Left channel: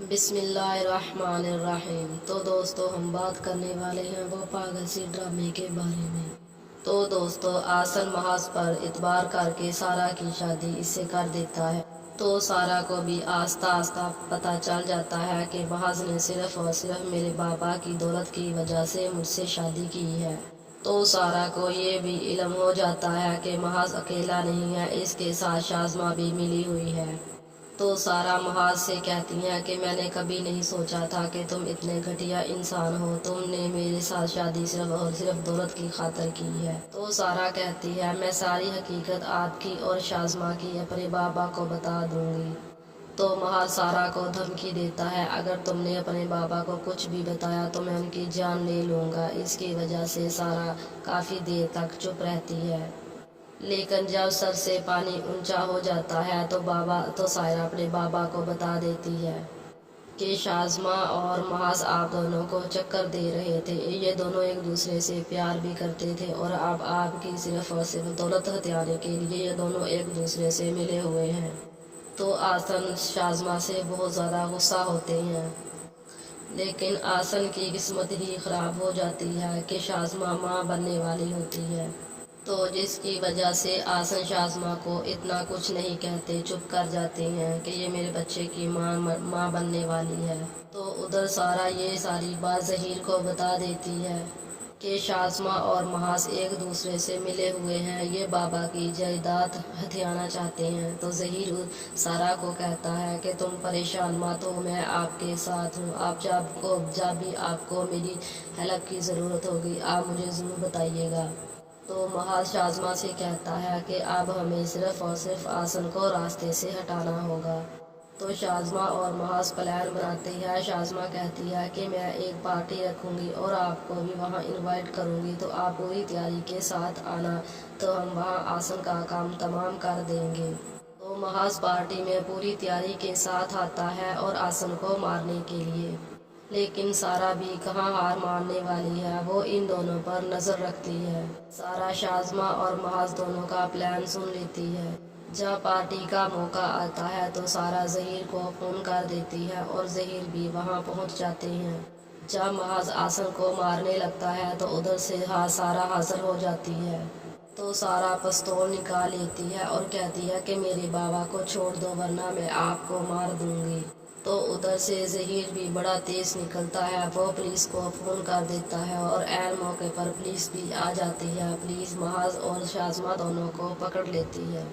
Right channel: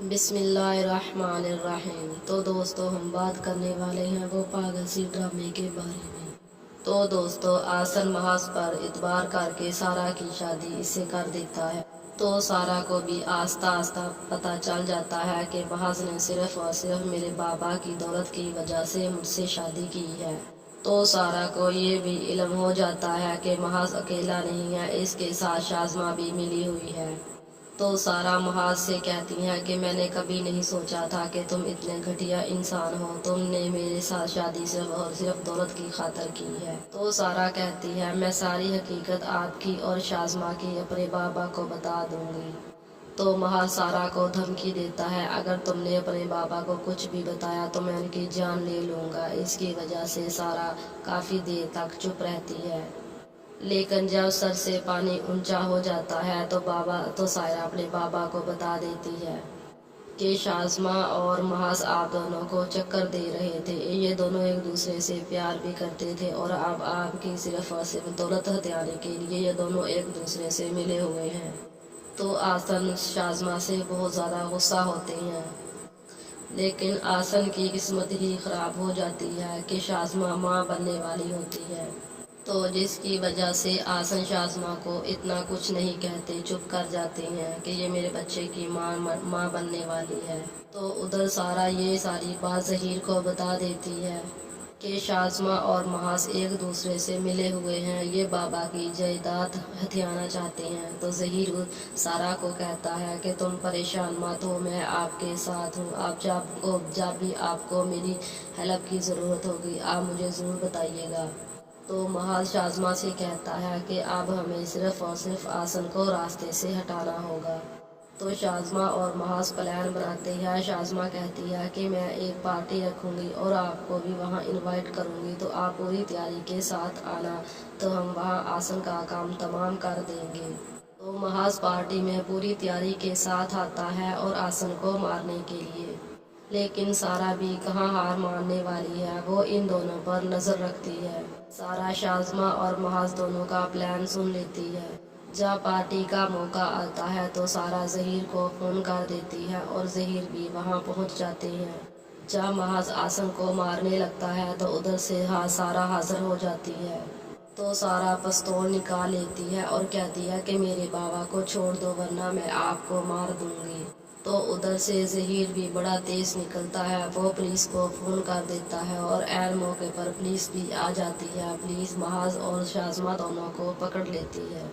بسم اللہ الرحمن الرحیم۔ تو دوستو ہم بات کرنے والے ہیں وہ پاگل سی ڈرامے کے بارے میں۔ تو دوستو آسن محاذ پر اعتبار کر کے سارا کی شادی اس سے کر دیتا ہے۔ تو سارا کو بھی آہستہ آہستہ پتہ چل جاتا ہے کہ محاذ نے صرف اور صرف میرے بابا کی دولت کی وجہ سے مجھ سے شادی کی ہے۔ تو سارا کو یہ بھی علم ہو جاتا ہے کہ محاذ اکیلا نہیں ہے، اس کے ساتھ شازمہ بھی ملی ہوئی ہے۔ تو سارا محاذ سے کہتی ہے کہ میں نے کبھی نہیں سوچا تھا کہ تم اتنے گھٹیا انسان ہو، تم نے میرے ساتھ شادی صرف اور صرف دولت کی خاطر کی ہے۔ تو سارا کہتی ہے میں ساری حقیقت آپ کی اور شازمہ کی اپنے بابا کو بتا دوں گی۔ تو محاذ سارا کو دھمکی دیتا ہے اگر تم نے اپنے بابا کو کچھ بھی بتایا تو میں ان کی جان لے لوں گا۔ اس کی وجہ سے سارا کافی دیر تک چپ رہتی ہے، لیکن جب سر سے پانی اونچا ہو جاتا ہے تو سائرہ اپنے بابا کو بتا دیتی ہے کہ شازمہ اور محاذ آپ دونوں کو چکر دے رہے تھے، یہ دونوں ایک دوسرے سے پیار بھی کرتے تھے اور اب آپ کی صرف اور صرف دولت ہتھیانے کے لیے یہ دونوں ایک دوسرے سے ملے ہوئے ہیں۔ تو آسن شازمہ سے بہت زیادہ غصہ ہوتے ہیں، لیکن آسن کی قسمت ہی خراب ہو جاتی ہے کہ شازمہ ماں بننے والی ہوتی ہے، تو جس کی وجہ سے آسن شازمہ کو اتنا کچھ نہیں کہتے، چپ کر جاتے ہیں کہ یہ میرے بچے کی ماں بننے والی ہے۔ تو ادھر سارا یہ ساری بات ظہیر کو بتا دیتی ہے کہ شازمہ اور محاذ ایک دوسرے سے ملے ہوئے ہیں، یہ بابا کی جائیداد ہتھیانا چاہتے ہیں۔ تو ظہیر سارا کو کہتا ہے کہ تم پریشان مت ہو، میں آپ کے ساتھ ہوں، آپ جب بھی آپ کو میری ہیلپ کی ضرورت ہوگی آپ مجھے ضرور بتائیے گا۔ تو محاذ شازمہ سے کہتا ہے کہ اب ہمیں صرف اور صرف آسن کو راستے سے ہٹانا ہوگا۔ تو شازمہ اور محاذ پلان بناتے ہیں۔ شازمہ کہتی ہے کہ میں ایک پارٹی رکھوں گی اور آپ کو بھی وہاں انوائٹ کروں گی، تو آپ پوری تیاری کے ساتھ آنا، تو ہم وہاں آسن کا کام تمام کر دیں گے۔ تو محاذ پارٹی میں پوری تیاری کے ساتھ آتا ہے اور آسن کو مارنے کے لیے، لیکن سارا بھی کہاں ہار ماننے والی ہے، وہ ان دونوں پر نظر رکھتی ہے۔ سارا شازمہ اور محاذ دونوں کا پلان سن لیتی ہے۔ جب پارٹی کا موقع آتا ہے تو سارا ظہیر کو فون کر دیتی ہے اور ظہیر بھی وہاں پہنچ جاتے ہیں۔ جب محاذ آسن کو مارنے لگتا ہے تو ادھر سے سارا حاضر ہو جاتی ہے۔ تو سارا پستول نکال لیتی ہے اور کہتی ہے کہ میرے بابا کو چھوڑ دو ورنہ میں آپ کو مار دوں گی۔ تو ادھر سے ظہیر بھی بڑا تیز نکلتا ہے، وہ پولیس کو فون کر دیتا ہے اور عین موقع پر پولیس بھی آ جاتی ہے۔ پولیس محاذ اور شازمہ دونوں کو پکڑ لیتی ہے۔